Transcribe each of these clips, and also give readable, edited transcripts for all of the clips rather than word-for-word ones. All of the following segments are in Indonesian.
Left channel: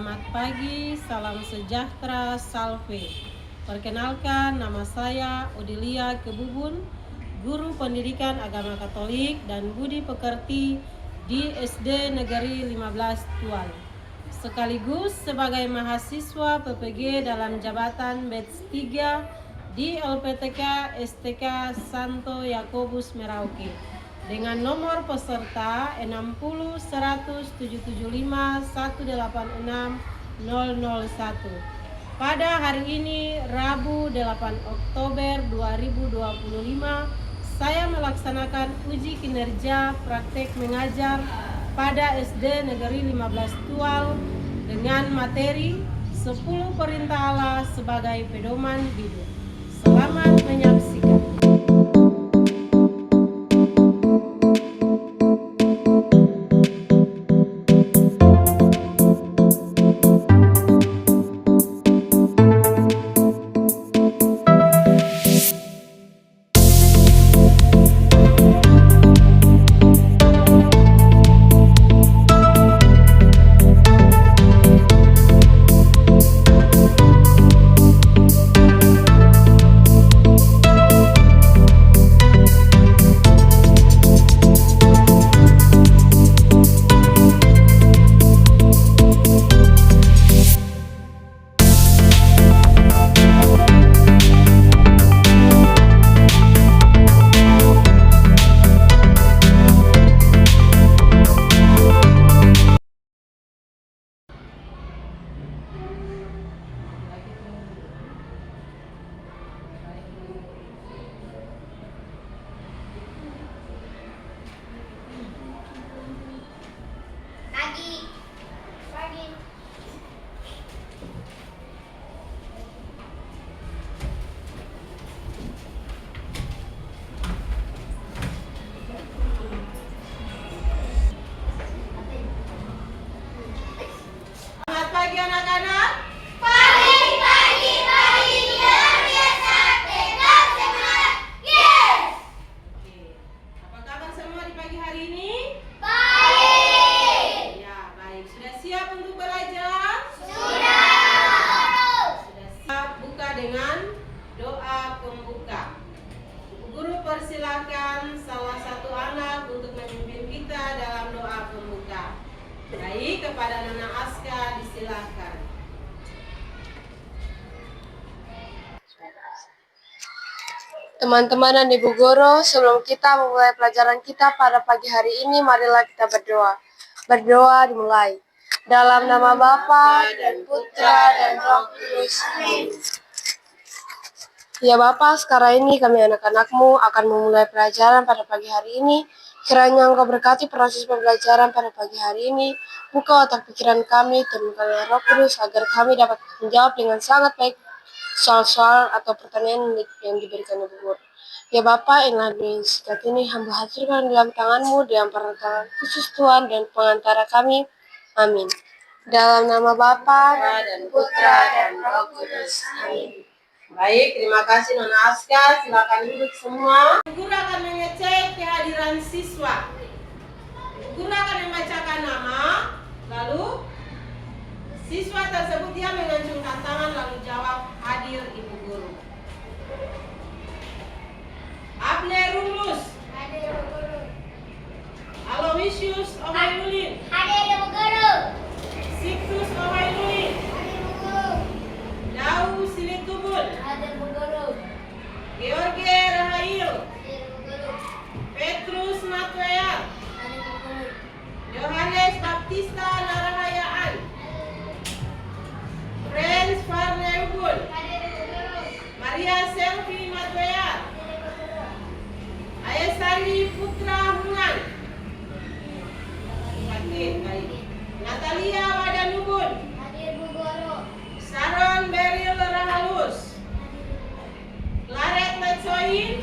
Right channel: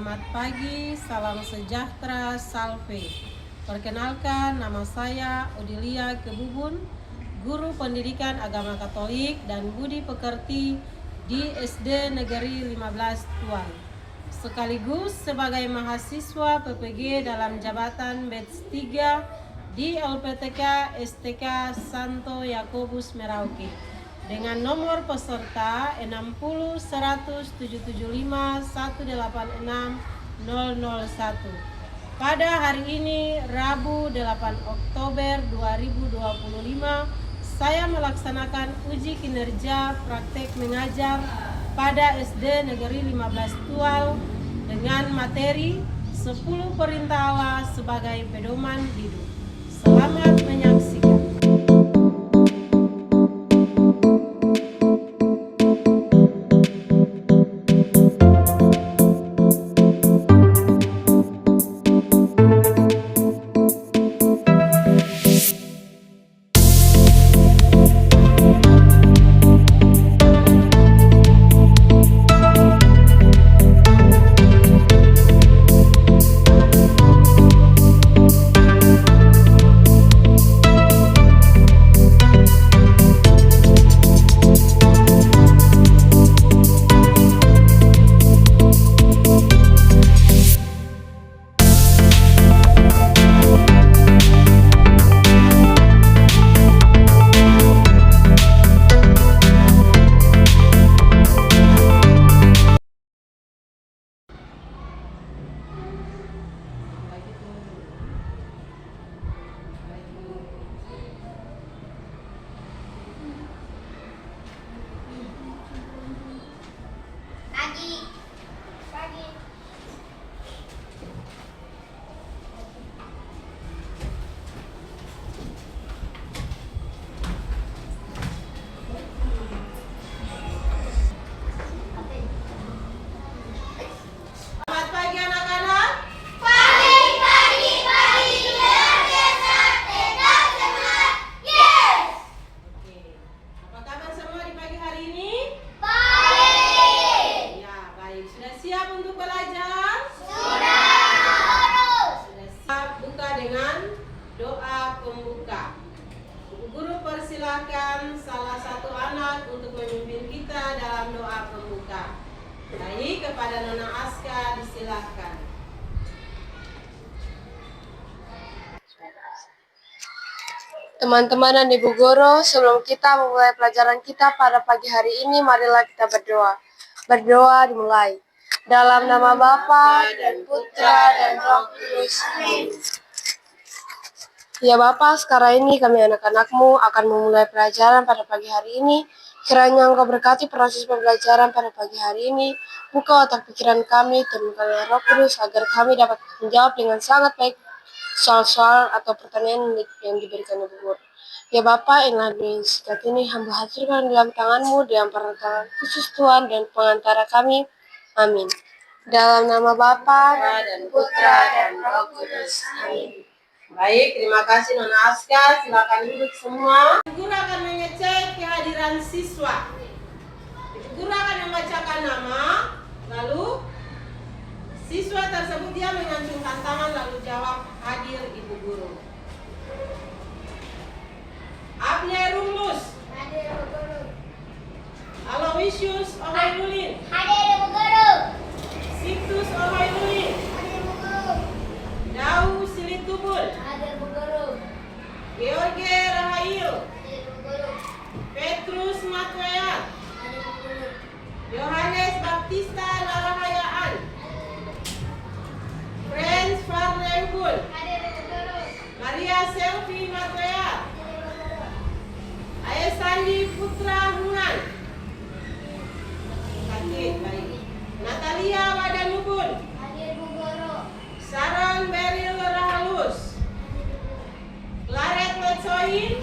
Selamat pagi, salam sejahtera, salve. Perkenalkan, nama saya Odilia Kebubun, Guru Pendidikan Agama Katolik dan Budi Pekerti di SD Negeri 15 Tual. Sekaligus sebagai mahasiswa PPG dalam jabatan Batch 3 di LPTK STK Santo Yakobus Merauke dengan nomor peserta 60 100 775 186 001. Pada hari ini Rabu 8 Oktober 2025, saya melaksanakan uji kinerja praktek mengajar pada SD Negeri 15 Tual dengan materi 10 perintah Allah sebagai pedoman hidup. Selamat menyaksikan. Dengan doa pembuka. Guru persilakan salah satu anak untuk memimpin kita dalam doa pembuka. Baik, kepada Nona Aska disilakan. Teman-teman dan Ibu Guru, sebelum kita memulai pelajaran kita pada pagi hari ini, marilah kita berdoa. Berdoa dimulai. Dalam nama Bapa dan Putra dan Roh Kudus. Amin. Ya Bapa, sekarang ini kami anak-anak-Mu akan memulai pelajaran pada pagi hari ini. Kiranya Engkau berkati proses pembelajaran pada pagi hari ini. Buka otak pikiran kami, turunkanlah Roh Kudus agar kami dapat menjawab dengan sangat baik soal-soal atau pertanyaan yang diberikan Ibu Guru. Ya Bapa, inilah doa singkat ini hamba haturkan dalam tangan-Mu, dalam tangan khusus Tuhan dan pengantara kami. Amin. Dalam nama Bapa dan Putra dan Roh Kudus. Amin. Baik, terima kasih Nona Aska. Silakan duduk semua. Ibu Guru akan mengecek kehadiran siswa. Ibu Guru akan membacakan nama, lalu siswa tersebut dia mengacungkan tangan lalu jawab hadir Ibu Guru. Able Rumlus. Hadir Ibu Guru. Aloysius Ohairulin. Hadir Ibu Guru. Siptus Ohairulin. Hadir Ibu Guru. Dau Silitubul. Hadir Ibu Guru. George Rahayu. Hadir Ibu Guru. Petrus Matwayat. Hadir Ibu Guru. Yohanes Baptista Larahayaan. Friends Farneugul. Hadir Ibu Guru. Maria Selvi Matwayat. Hadir Ibu Guru. Ayah Sandi Putra Hunan. Baik. Natalia Wadanubun. Hadir Ibu Guru. Sharon Beryl Rahalus. Claret Letsohi.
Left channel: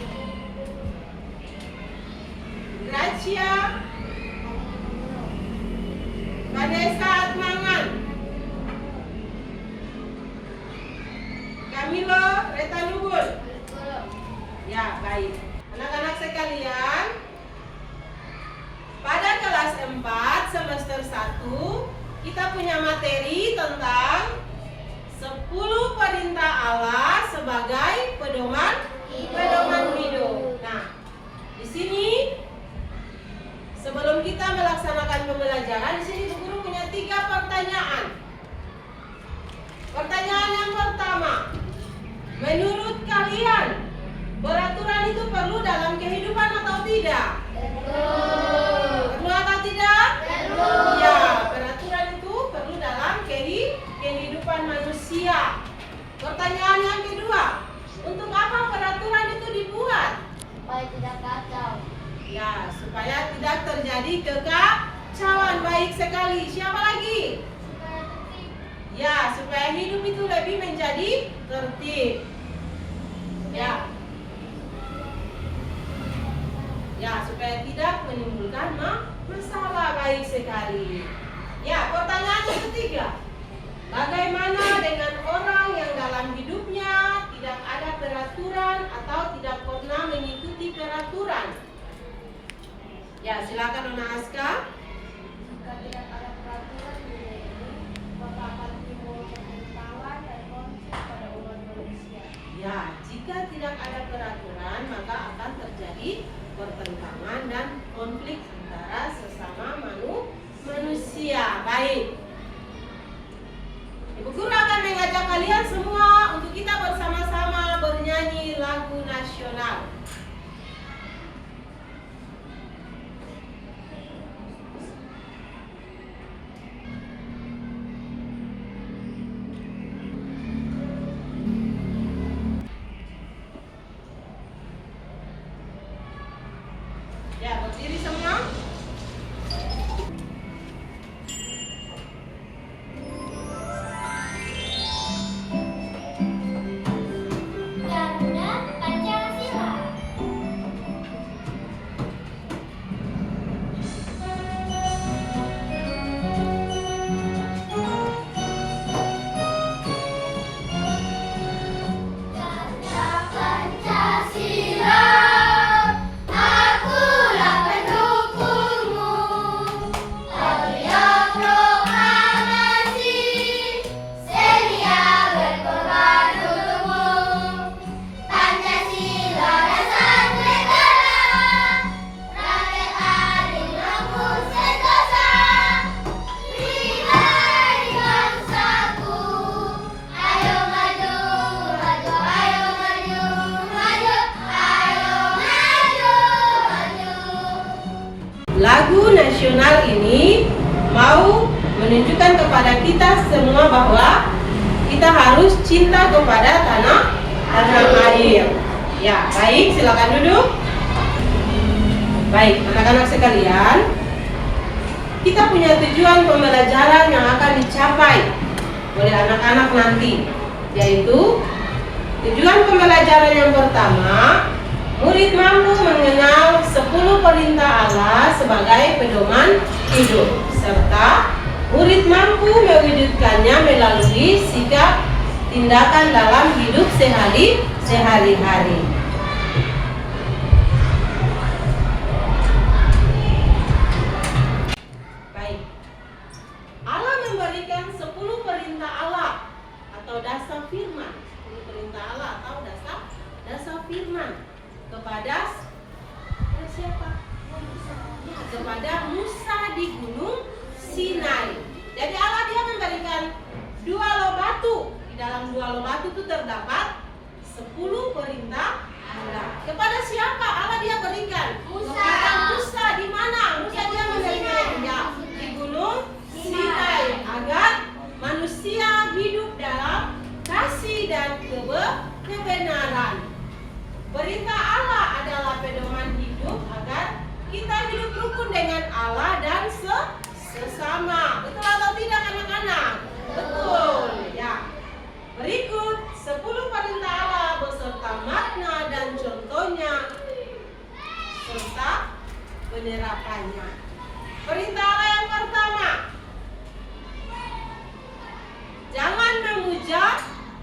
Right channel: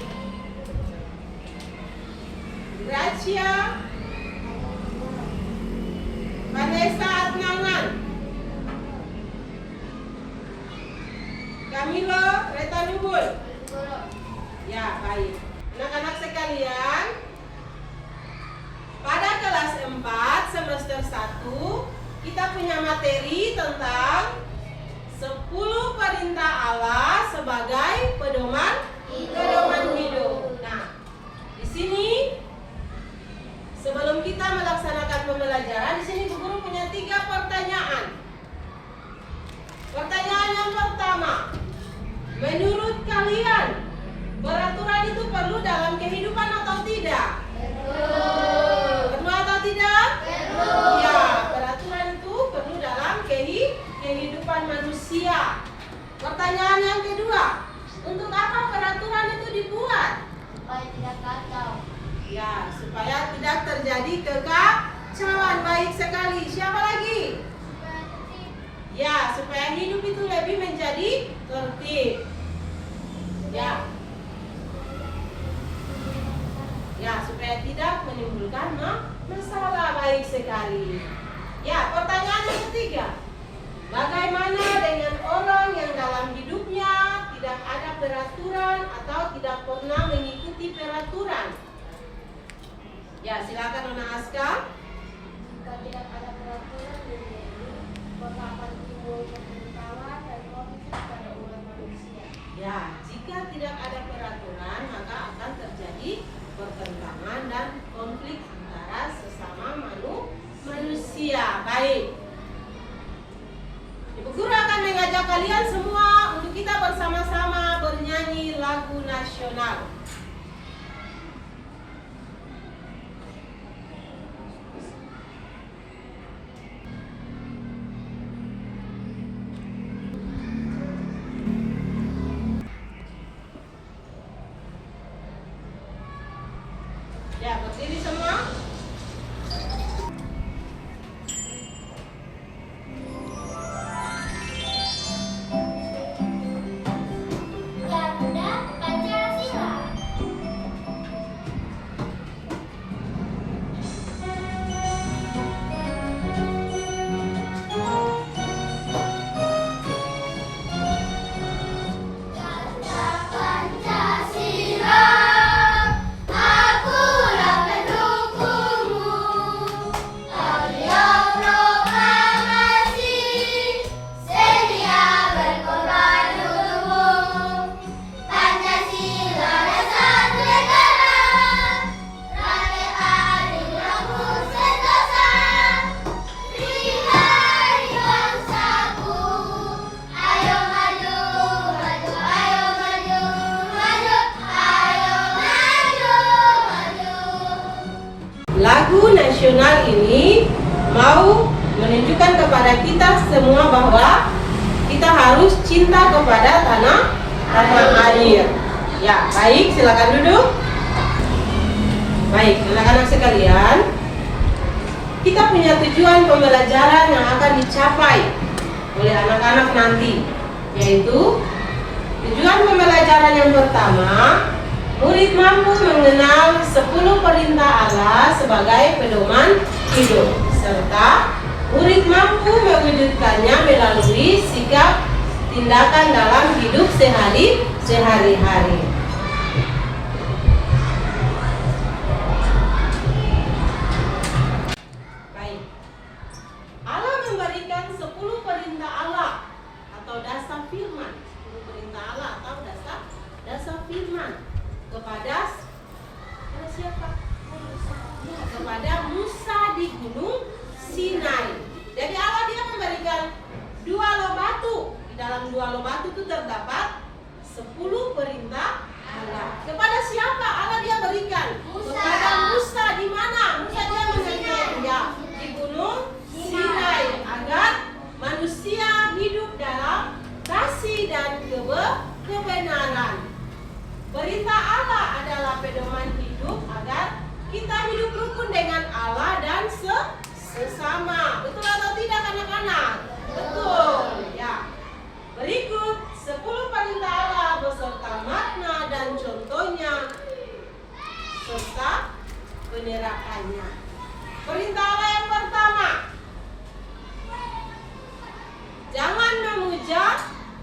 Gracia Vanessa Atmangan. Camilo Retanubun. Ya, baik. Anak-anak sekalian, pada kelas 4 semester 1 kita punya materi tentang 10 perintah Allah sebagai pedoman hidup. Nah, di sini sebelum kita melaksanakan pembelajaran, di sini Bu Guru punya 3 pertanyaan. Pertanyaan yang pertama, menurut kalian peraturan itu perlu dalam kehidupan atau tidak? Perlu atau tidak? Ya, peraturan itu perlu dalam kehidupan manusia. Pertanyaan yang kedua, untuk apa peraturan itu dibuat? Supaya tidak kacau. Ya, supaya tidak terjadi kekacauan. Baik sekali. Siapa lagi? Ya, supaya hidup itu lebih menjadi tertib. Ya. Ya, supaya tidak menimbulkan masalah. Baik sekali. Ya, pertanyaan yang ketiga. Bagaimana dengan orang yang dalam hidupnya tidak ada peraturan atau tidak pernah mengikuti peraturan? Ya, silakan Nona Aska. Jika tidak ada peraturan di dunia, maka akan timbul pertentangan dan konflik pada umat manusia. Ya, jika tidak ada peraturan maka akan terjadi pertentangan dan konflik antara sesama manusia. Baik. Ibu Guru akan mengajak kalian semua untuk kita bersama-sama bernyanyi lagu nasional. Ya, berdiri semua. Garuda Pancasila. Garuda Pancasila, akulah pendukungmu. Audio proklamasi, sedia berkorban untukmu. Pancasila dasar negara, rakyat adil makmur sentosa. Pribadi bangsaku, ayo maju, maju, ayo maju, maju, ayo maju, maju. Lagu nasional ini mau menunjukkan kepada kita semua bahwa kita harus cinta kepada tanah air. Ya, baik, silakan duduk. Baik, anak-anak sekalian, kita punya tujuan pembelajaran yang akan dicapai oleh anak-anak nanti, yaitu tujuan pembelajaran yang pertama, murid mampu mengenal 10 perintah Allah sebagai pedoman hidup, serta murid mampu mewujudkannya melalui sikap tindakan dalam hidup sehari-hari. Baik. Allah memberikan 10 perintah Allah atau dasar firman. 10 perintah Allah atau dasar firman kepada siapa? Ya, kepada Musa di Gunung Sinai. Jadi Allah dia memberikan 2 loh batu. Di dalam 2 loh batu itu terdapat 10 perintah Allah. Kepada siapa Allah dia berikan? Kepada Musa. Di mana Musa dia menerimanya? Di Gunung Sinai, agar manusia hidup dalam kasih dan kebenaran. Perintah Allah adalah pedoman hidup agar kita hidup rukun dengan Allah dan sesama. Betul atau tidak anak-anak? Betul. Ya. Berikut 10 perintah Allah beserta makna dan contohnya serta penerapannya. Perintah Allah yang pertama, jangan memuja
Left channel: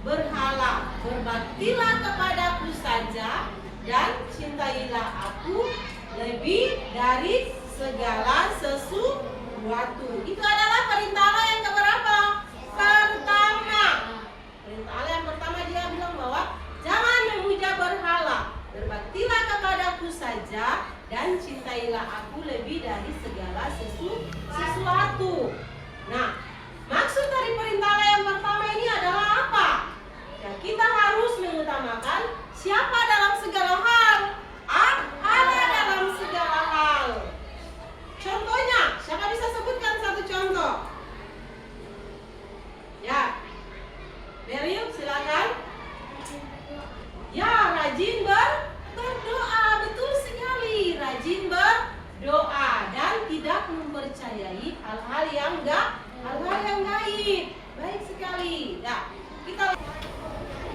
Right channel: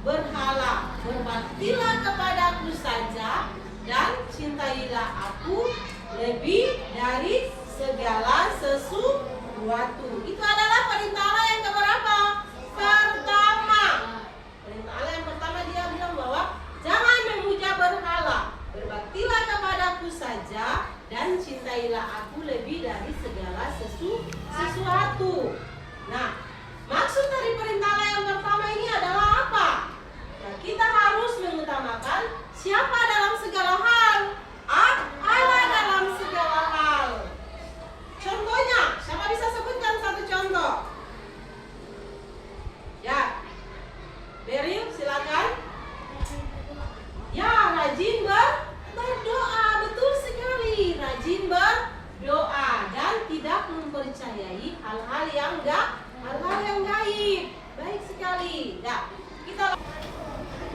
berhala, berbaktilah kepadaku saja dan cintailah aku lebih dari segala sesuatu. Itu adalah perintah Allah Percayailah aku lebih dari segala sesuatu. Nah, maksud dari perintah Allah yang pertama ini adalah apa? Nah, kita harus mengutamakan siapa dalam segala hal? Allah dalam segala hal. Contohnya, siapa bisa sebutkan satu contoh? Ya, Beryl, silakan. Ya, rajin berdoa, betul sekali. Rajin berdoa dan tidak mempercayai hal-hal yang gaib. Baik sekali. Nah,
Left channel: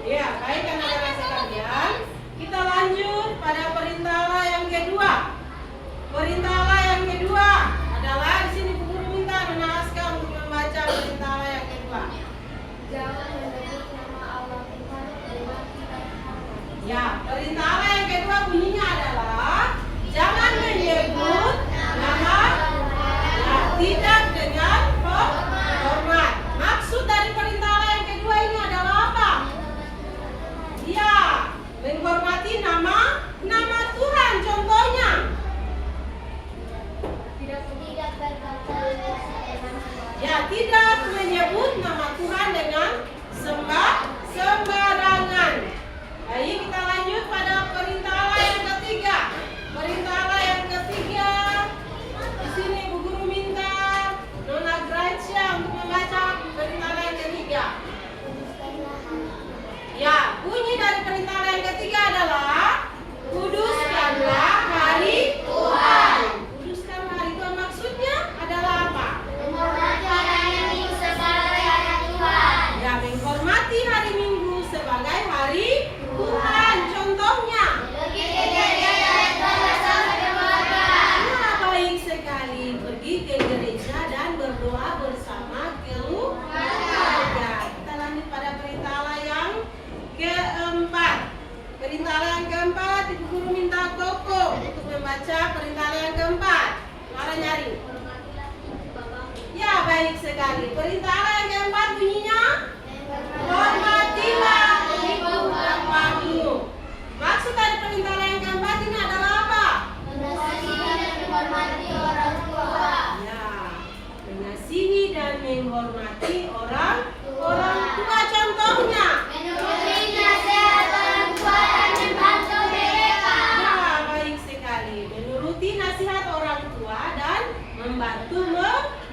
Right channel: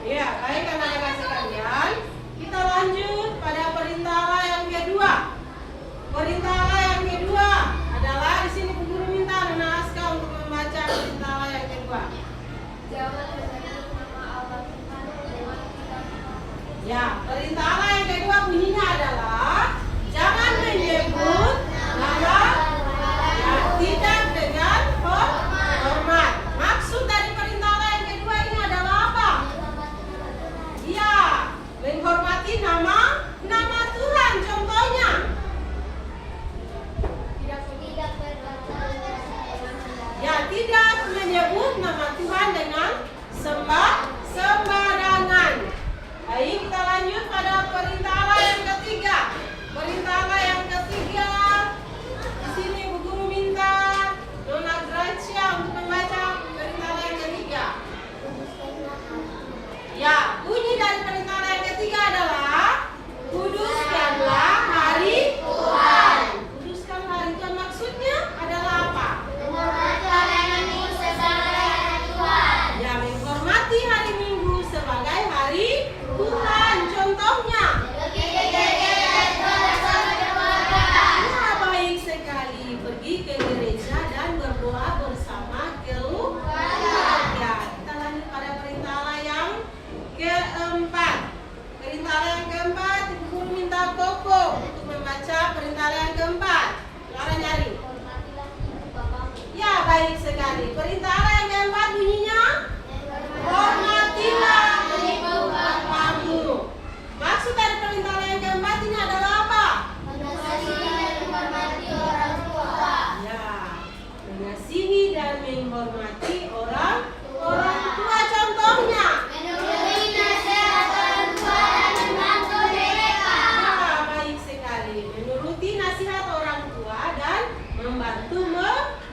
ya, baik anak-anak sekalian. Kita lanjut pada perintah Allah yang kedua. Perintah Allah yang kedua adalah di sini Bu Guru minta Aska untuk membaca perintah Allah yang kedua. Jangan menyebut nama Allah Tuhan dengan tidak hormat. Ya, perintah Allah yang kedua bunyinya adalah jangan menyebut nama tidak dengan hormat. Maksud dari perintah Allah yang kedua ini adalah apa? Ya, menghormati nama Tuhan. Contohnya, Tidak berkata dengan ya, tidak menyebut nama Tuhan dengan sembarangan. Baik, kita lanjut pada perintah Allah yang ketiga. Perintah Allah yang ketiga, di sini Bu Guru minta Nona Gracia untuk membaca perintah Allah yang ketiga. Ya, bunyi dari perintah Allah yang ketiga adalah kuduskanlah hari Tuhan. Kuduskan hari Tuhan maksudnya adalah apa? Ya, menghormati hari Minggu sebagai hari Tuhan. Contohnya, ya, baik sekali, pergi ke gereja dan berdoa bersama keluarga. Kita lanjut pada perintah Allah yang keempat. Perintah Allah yang keempat, Ibu Guru minta Koko untuk membaca perintah Allah yang keempat. Lara nyari. Ya, baik sekali. Perintah Allah yang keempat bunyinya, hormatilah ibu bapakmu. Maksud dari perintah Allah yang keempat ini adalah apa? Ya, mengasihi dan menghormati orang tua. Contohnya, ya, baik sekali. Menuruti nasihat orang tua dan membantu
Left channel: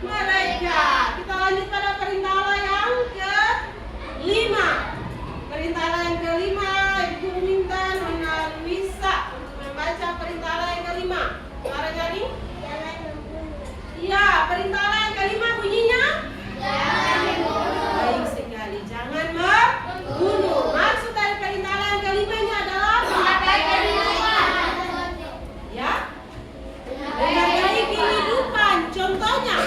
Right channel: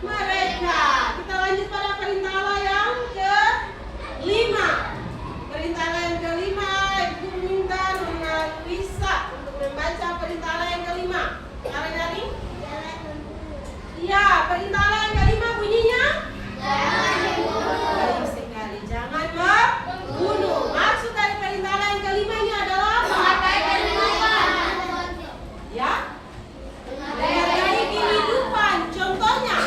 mereka. Kita lanjut pada perintah Allah yang kelima. Perintah Allah yang kelima, Ibu minta Nona Luisa untuk membaca perintah Allah yang kelima. Lara nyari? Ya, perintah Allah yang kelima bunyinya? Baik sekali, jangan membunuh. Maksud dari perintah Allah yang kelima ini adalah apa? Ya, menghargai kehidupan. Contohnya,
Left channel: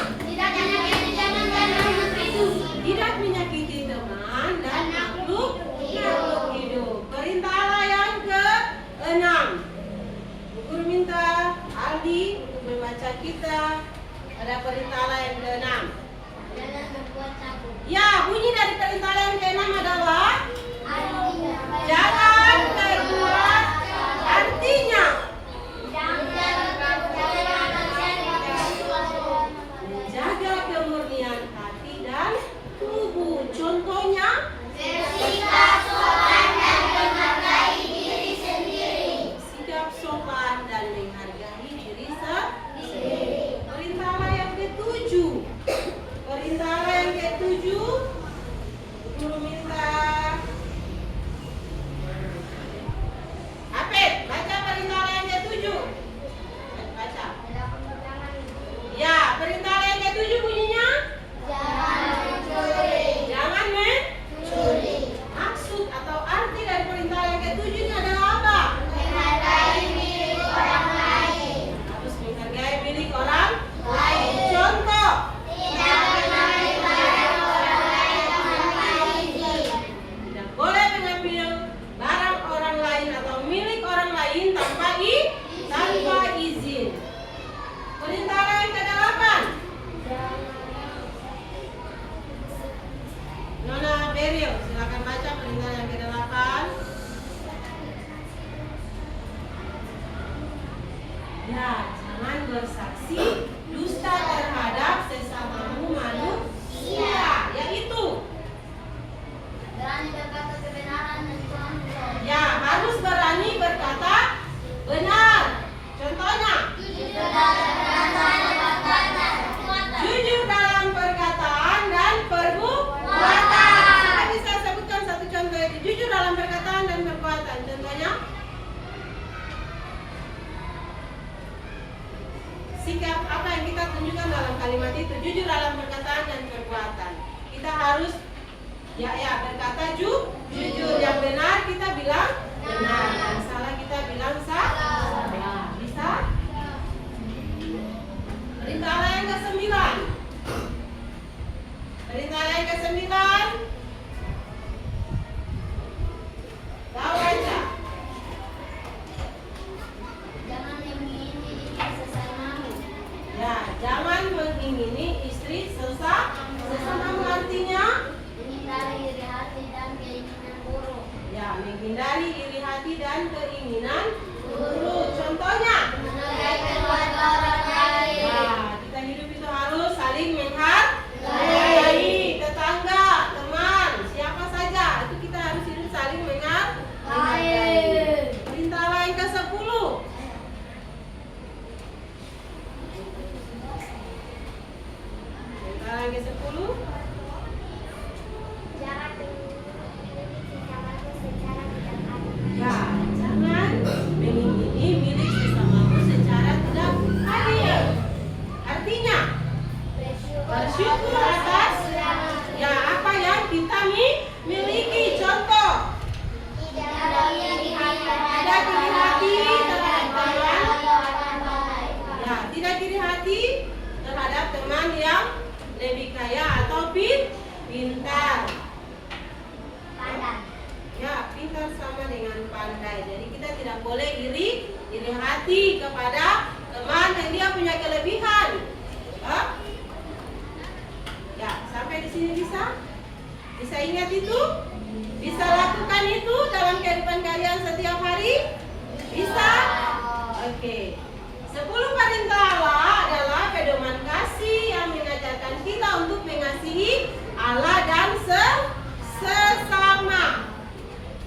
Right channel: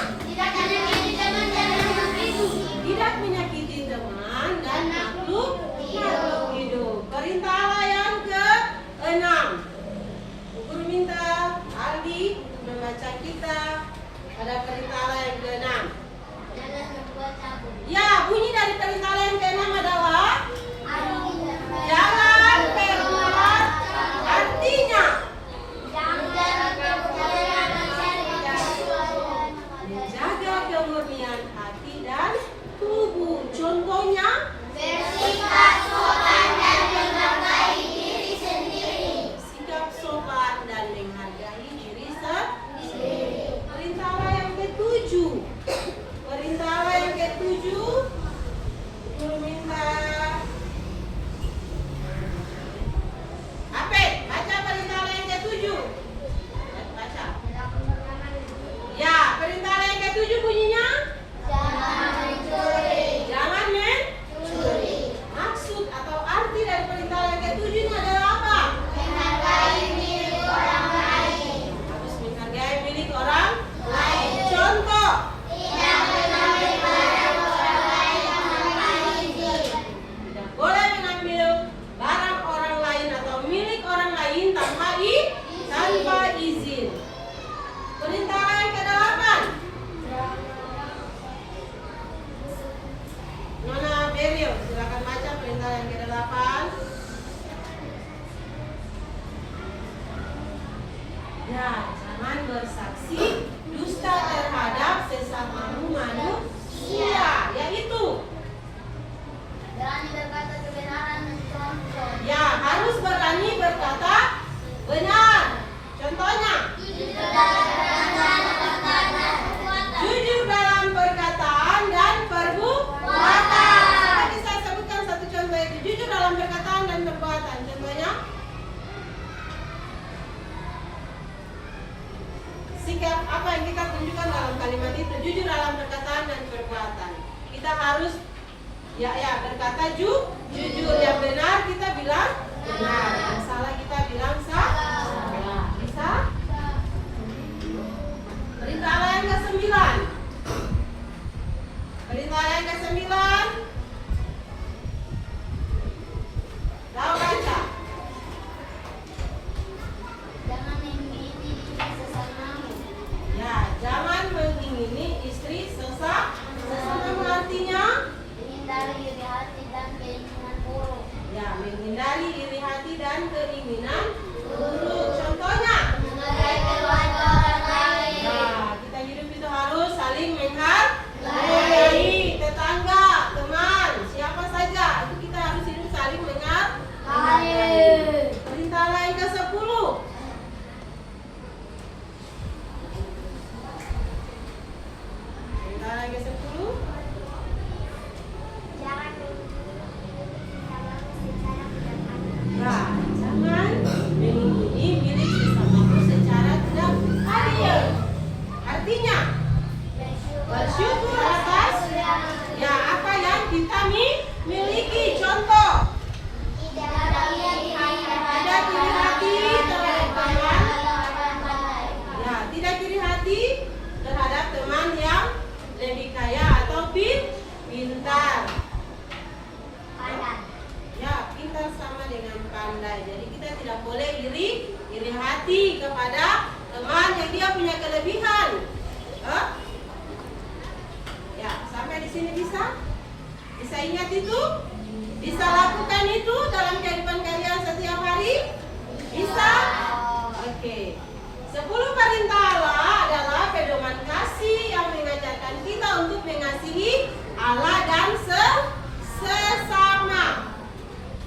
tidak menyakiti teman dan makhluk hidup. Perintah Allah yang ke-6. Bu Guru minta Aldi untuk membaca kita pada perintah Allah yang ke-6. Ya, bunyi dari perintah Allah yang ke-6 adalah jangan berbuat. Artinya, menjaga kemurnian hati dan tubuh. Contohnya, sikap sopan dan menghargai diri sendiri. Perintah Allah yang ke-7. Perintah Allah yang ke-7, Guru minta bersaksi dusta terhadap sesamamu manusia, yaitu berani berkata kebenaran dan contoh. ya harus berani berkata benar. Contohnya, jujur dalam perkataan dan perbuatan. Tadi saya sebutkan satu contoh itu, jujur dalam perkataan dan perbuatan. Contohnya, sikap apa yang kita tunjukkan dalam kalimat itu, jujur dalam perkataan dan perbuatan. Kita harus ya berkata jujur, yang benar kita bilang benar, yang salah kita bilang salah. Bisa? Perintah Allah yang ke-9. Perintah Allah yang ke-9. Tahu baca? Jangan mengingini sesamamu. Ya, jangan mengingini istri sesamamu, artinya Menghindari iri hati dan keinginan buruk. ya menghindari iri hati dan keinginan buruk. Contohnya, Menghargai keluarga orang lain. nah, kita hidup itu harus saling menghargai tetangga, teman, siapa saja. Itu kita harus hidup saling menghargai. Perintah Allah yang ke-10. Perintah Allah yang ke-10. Jangan sesamamu secara tidak adil. Nah, jangan mengingini milik sesamamu secara tidak adil. Artinya, bersyukur atas ya apa yang kita miliki. Contoh, Tidak iri hati terhadap teman. pandai. Ya, tidak iri hati terhadap teman yang lebih kaya atau pintar. Ya, pintar sama dengan pandai. Jadi kita tidak boleh iri hati kepada teman yang dia punya kelebihan. Hah? Ya, sampai di sini bisa? Bisa ingat itu? Bisa lakukan itu dalam kehidupan kalian setiap hari? Bisa? Oke. 10 perintah Allah adalah pedoman kasih yang mengajarkan kita untuk mengasihi Allah dan sesama.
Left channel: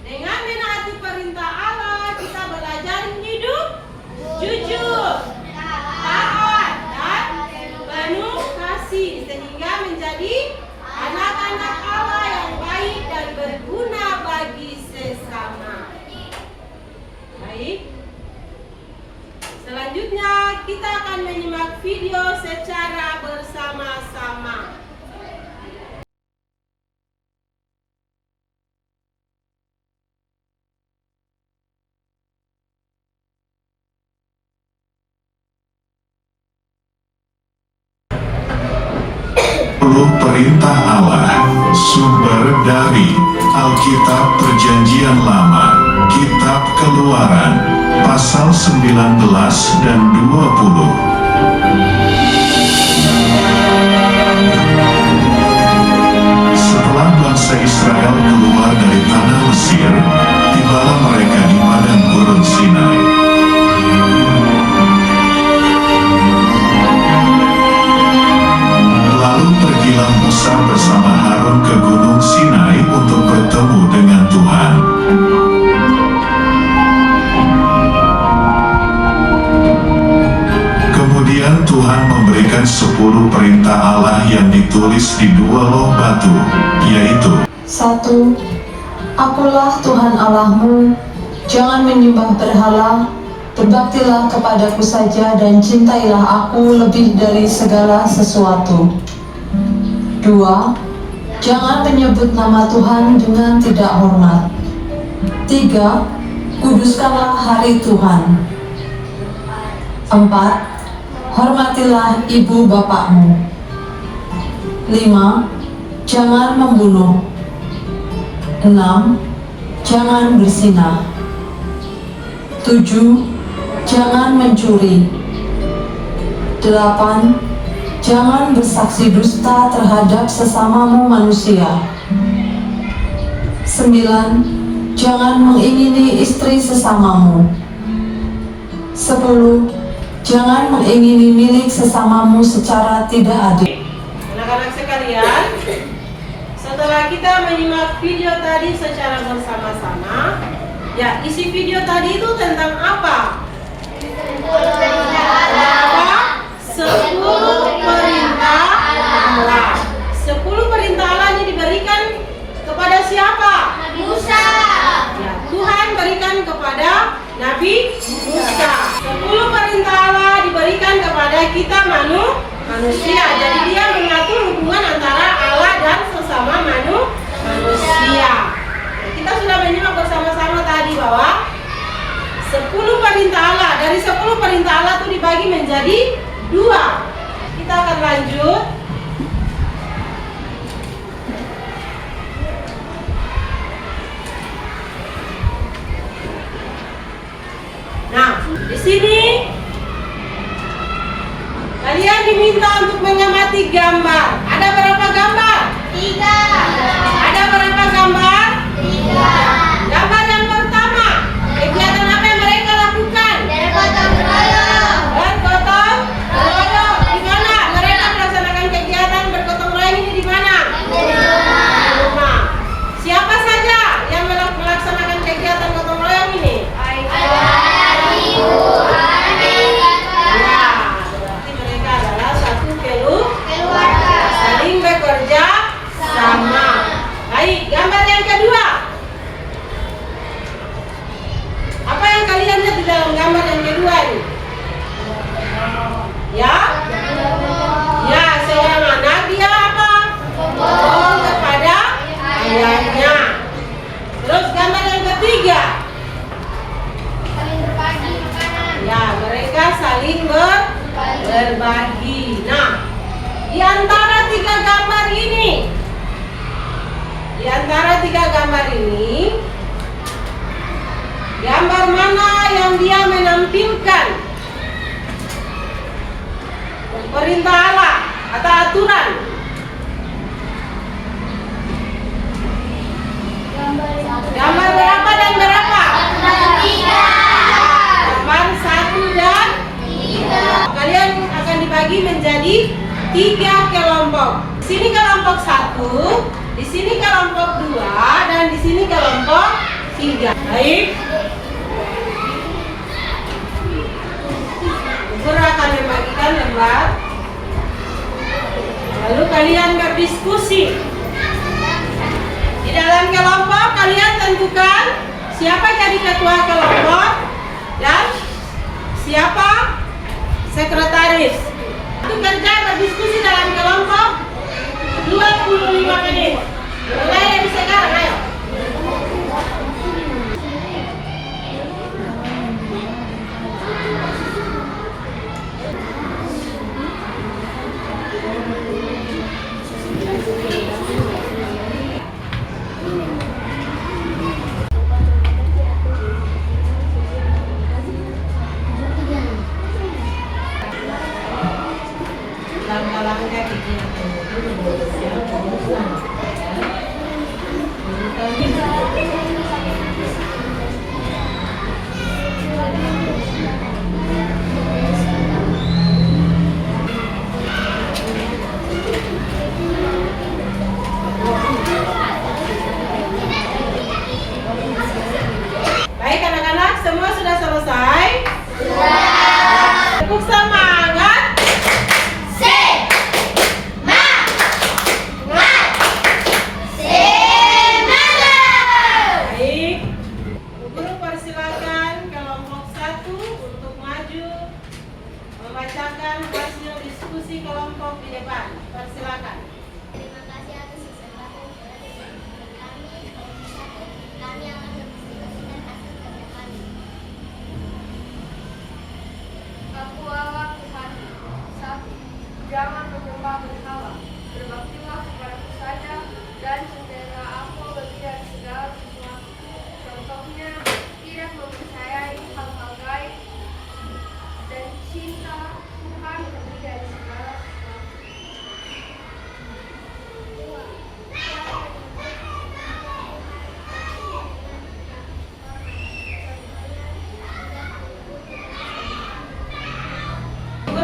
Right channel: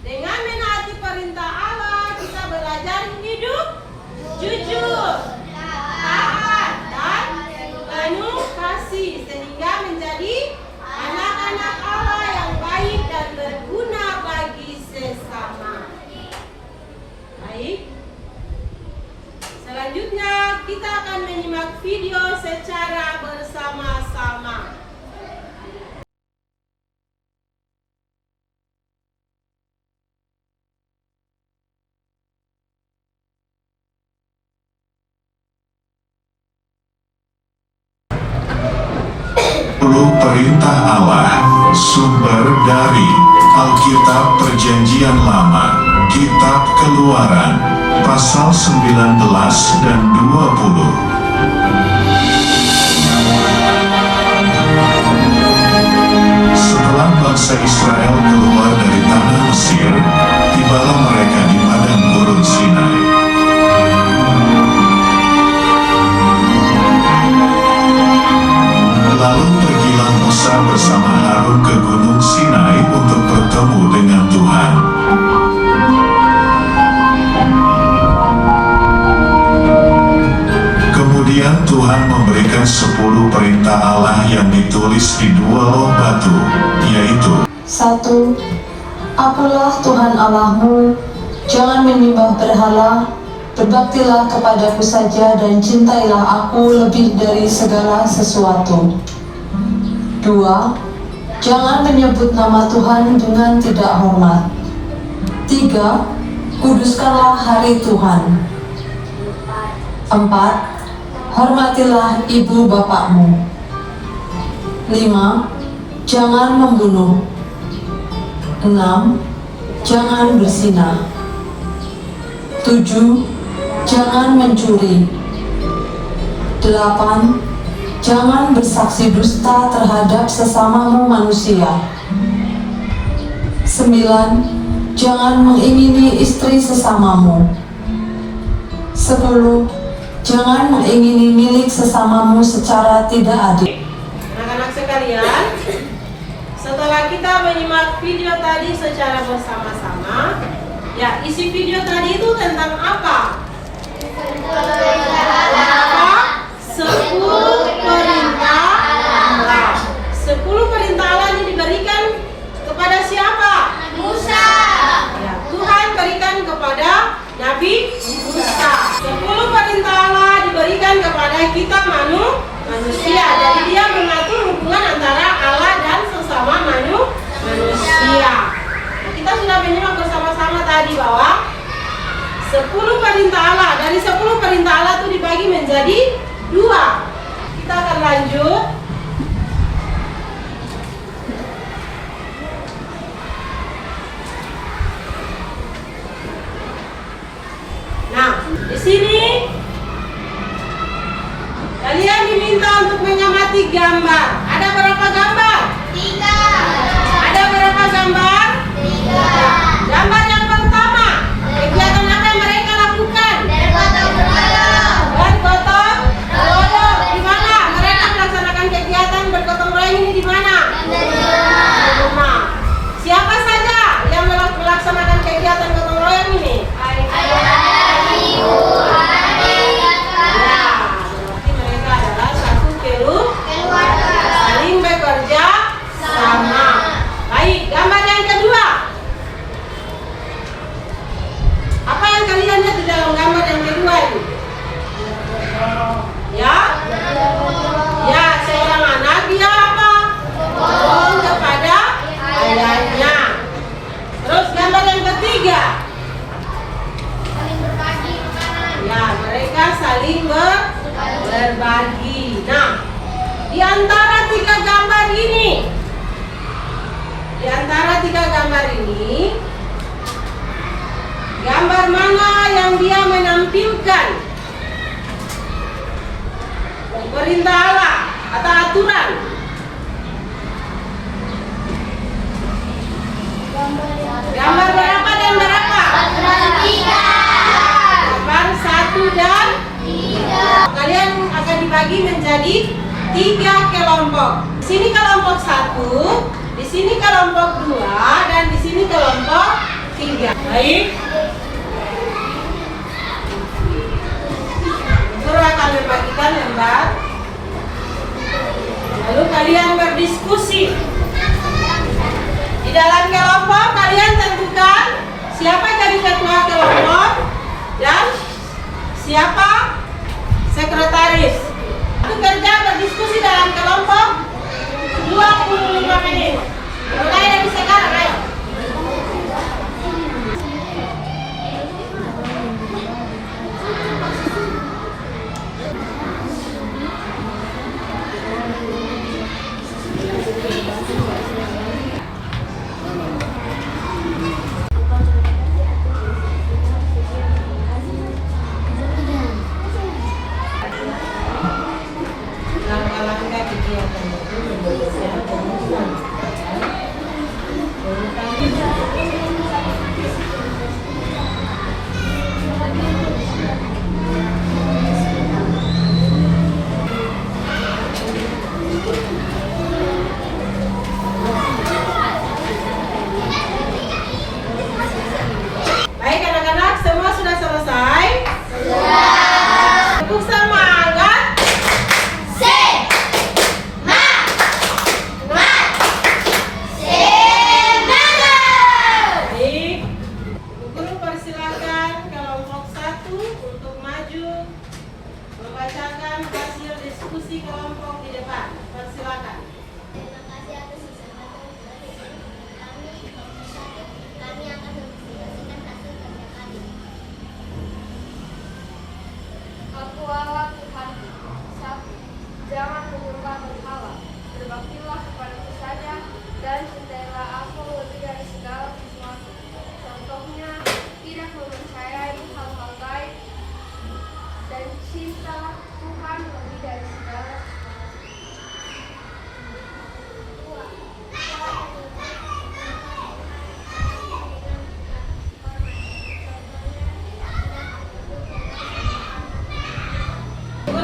Dengan menaati perintah Allah, kita belajar hidup jujur, taat, dan penuh kasih, sehingga menjadi anak-anak Allah yang baik dan berguna bagi sesama. Baik. Selanjutnya kita akan menyimak video secara bersama-sama. Perintah Allah, sumber dari Alkitab Perjanjian Lama, Kitab Keluaran, pasal 19 dan 20. Setelah bangsa Israel keluar dari tanah Mesir, tibalah mereka di padang gurun Sinai. Lalu pergilah Musa bersama Harun ke gunung Sinai untuk bertemu dengan Tuhan. Kemudian Tuhan memberikan 10 perintah Allah yang ditulis di 2 loh batu, yaitu 1. Akulah Tuhan Allahmu, jangan menyembah berhala, berbaktilah kepadaku saja dan cintailah aku lebih dari segala sesuatu. 2. Jangan menyebut nama Tuhan dengan tidak hormat. 3. Kuduskanlah hari Tuhan. 4. Hormatilah ibu bapakmu. 5. Jangan membunuh. 6. Jangan berzinah. 7. Jangan mencuri. 8. Jangan bersaksi dusta terhadap sesamamu manusia. 9. Jangan mengingini istri sesamamu. 10. Jangan mengingini milik sesamamu secara tidak adil. Anak-anak sekalian, setelah kita menyimak video tadi secara bersama-sama, ya isi video tadi itu tentang apa? Apa? 10 perintah Allah. 10 perintah Allah ini diberikan kepada siapa? Musa. Ya, Tuhan berikan kepada Nabi Musa. 10 perintah Allah diberikan kepada kita manusia. Jadi dia mengatur hubungan antara Allah dan sesama manusia. Nah, kita sudah menyimak bersama-sama tadi bahwa 10 perintah Allah. Dari 10 perintah Allah itu dibagi menjadi 2. Kita akan lanjut. Nah, di sini kalian diminta untuk mengamati gambar. Ada berapa gambar? 3. Ada berapa gambar? 3. Gambar yang pertama, kegiatan apa yang mereka lakukan? Bergotong royong. Bergotong royong. Di mana mereka melaksanakan kegiatan bergotong royong ini di mana? Nah, siapa saja yang melaksanakan kegiatan gotong royong ini? Ya, berarti mereka adalah satu keluarga, saling bekerja sama. Baik, gambar yang kedua. Apa yang kalian lihat di dalam gambar yang kedua ini? Ya? Ya, seorang anak dia apa? Bohong kepada ayahnya. Terus gambar yang ketiga. Ya, mereka saling berbagi. Nah, di antara 3 gambar ini, gambar mana yang dia menampilkan perintah Allah atau aturan? Gambar berapa dan berapa? 1 dan 3. Kalian akan dibagi menjadi 3 kelompok. Di sini kelompok 1, di sini kelompok 2, dan di sini kelompok 3. Baik. Guru akan membagikan lembar. Lalu kalian berdiskusi. Di dalam kelompok kalian tentukan siapa jadi ketua kelompok dan siapa sekretaris. Itu kerja berdiskusi dalam kelompok 25 menit. Mulai dari sekarang, ayo. Langkah-langkah kegiatan itu menjadi komitmen. Baik anak-anak, semua sudah selesai? Sudah. Tepuk semangat. Membacakan hasil diskusi kelompok di depan. Persilakan. Terima kasih atas kesempatan kami. Kami akan mendiskusikan hasil kerja kami. Aku Allah Tuhan. 1. Jangan menyembah berhala. Berbaktilah kepadaku saja dan cintailah aku lebih dari segala sesuatu. Contohnya, tidak mempercayai hal-hal gaib dan cinta Tuhan lebih dari segala.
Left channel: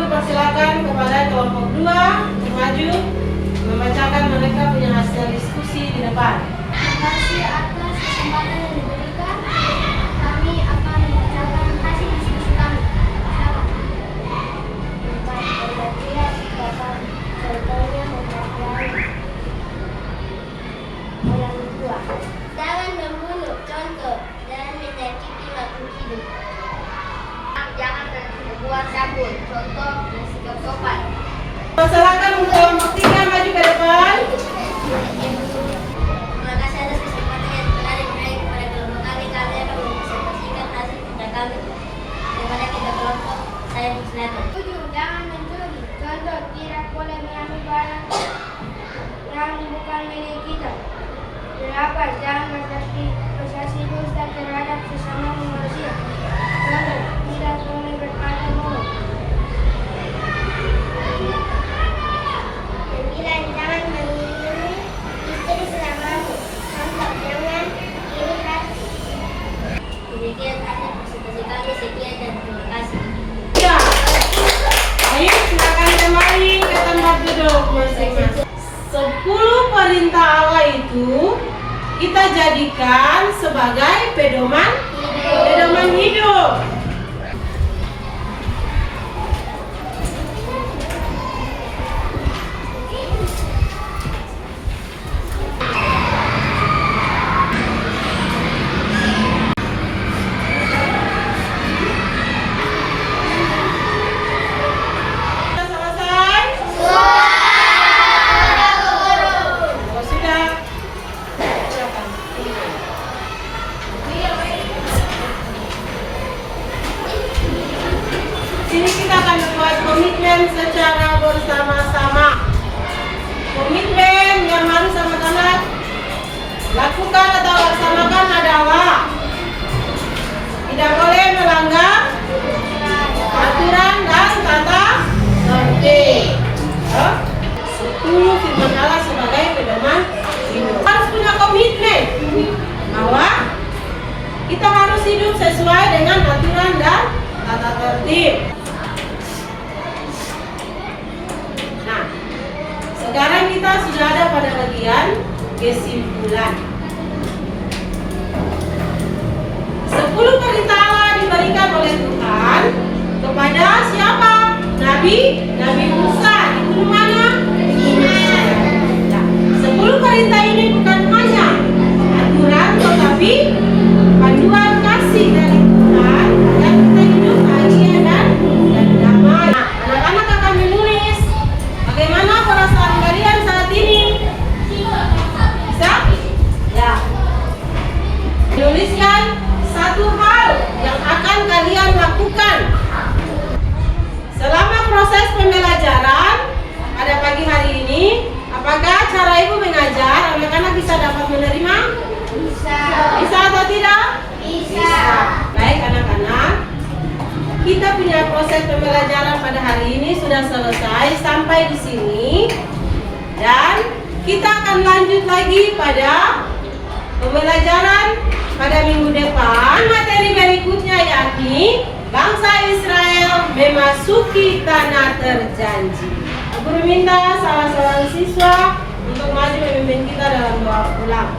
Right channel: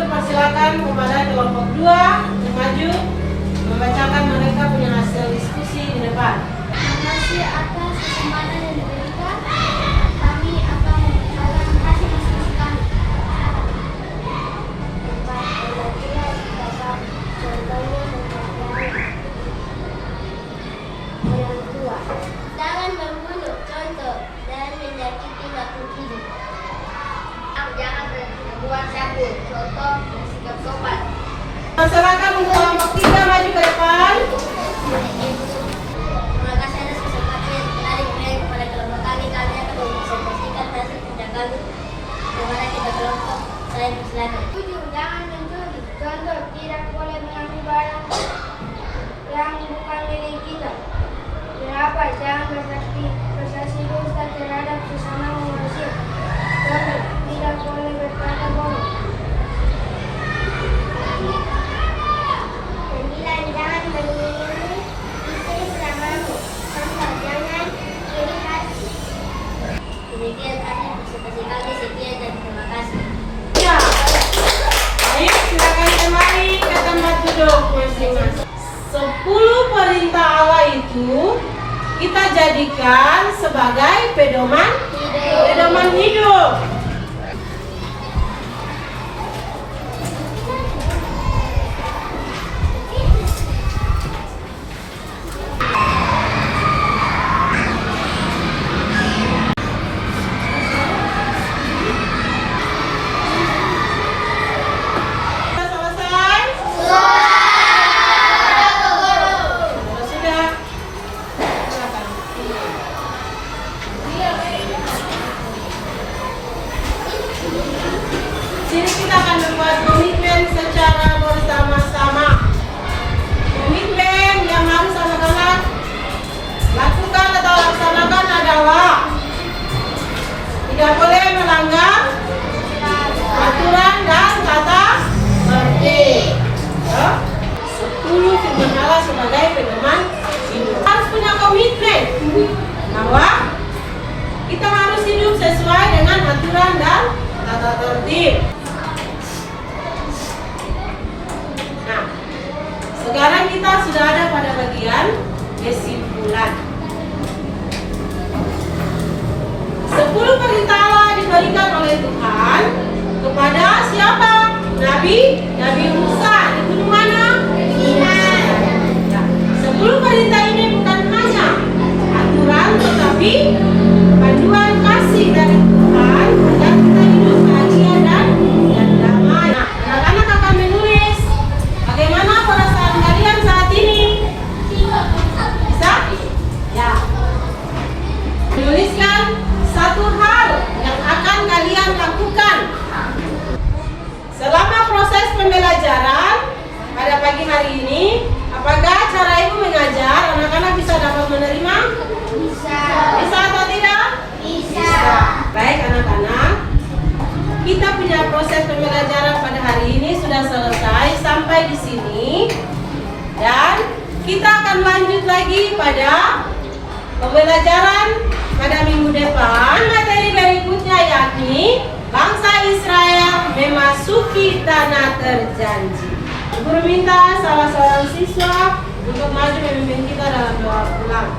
persilakan kepada kelompok 2 maju membacakan mereka punya hasil diskusi di depan. Terima kasih atas kesempatan yang diberikan. Kami akan membacakan hasil diskusi kami. Tempat belajar dapat contohnya mempelajari orang tua. Jangan membunuh, contoh, dan menyakiti makhluk hidup. Jangan berbuat cabul, contoh, bersikap sopan. Masyarakat untuk kelompok 3 maju ke depan. Terima kasih atas kesempatan yang telah diberikan kepada kelompok kami. Kami akan mempresentasikan hasil kerja kami kepada kita kelompok saya di selatan. 7. Jangan mencuri. Contoh, tidak boleh mengambil barang yang bukan milik kita. 8. Jangan bersasi dusta terhadap sesama manusia. Contoh, tidak boleh berkata bohong. 9. Jangan mengunjungi istri selamamu. Contoh, jangan iri hati. Demikian hasil presentasi kami. Sekian dan terima kasih. Ya. Baik, silakan kembali ke tempat duduk masing-masing. 10 perintah Allah itu kita jadikan sebagai pedoman hidup. Selesai? Kalau sudah, silakan. Sini kita akan membuat komitmen secara bersama-sama. Komitmen yang harus sama-sama lakukan atau laksanakan adalah tidak boleh melanggar aturan dan tata tertib. 10 firman Allah sebagai pedoman hidup. Harus punya komitmen bahwa kita harus hidup sesuai dengan aturan dan tata tertib. Nah, sekarang kita sudah ada pada bagian kesimpulan. 10 perintah Allah diberikan oleh Tuhan kepada siapa? Nabi Musa di gunung mana? Ya, 10 perintah ini bukan hanya aturan tetapi panduan kasih dari Tuhan agar kita hidup bahagia dan damai. Nah, anak-anak akan menulis bagaimana perasaan kalian saat ini. Bisa? Ya. Menuliskan satu hal yang akan kalian lakukan selama proses pembelajaran pada pagi hari ini. Apakah cara ibu mengajar anak-anak bisa dapat menerima? Bisa. Bisa atau tidak? Bisa. Baik anak-anak, kita punya proses pembelajaran pada hari ini sudah selesai sampai di sini, dan kita akan lanjut lagi pada pembelajaran pada minggu depan. Materi berikutnya yakni bangsa Israel memasuki tanah terjanji. Guru minta salah seorang siswa untuk maju memimpin kita dalam doa pulang.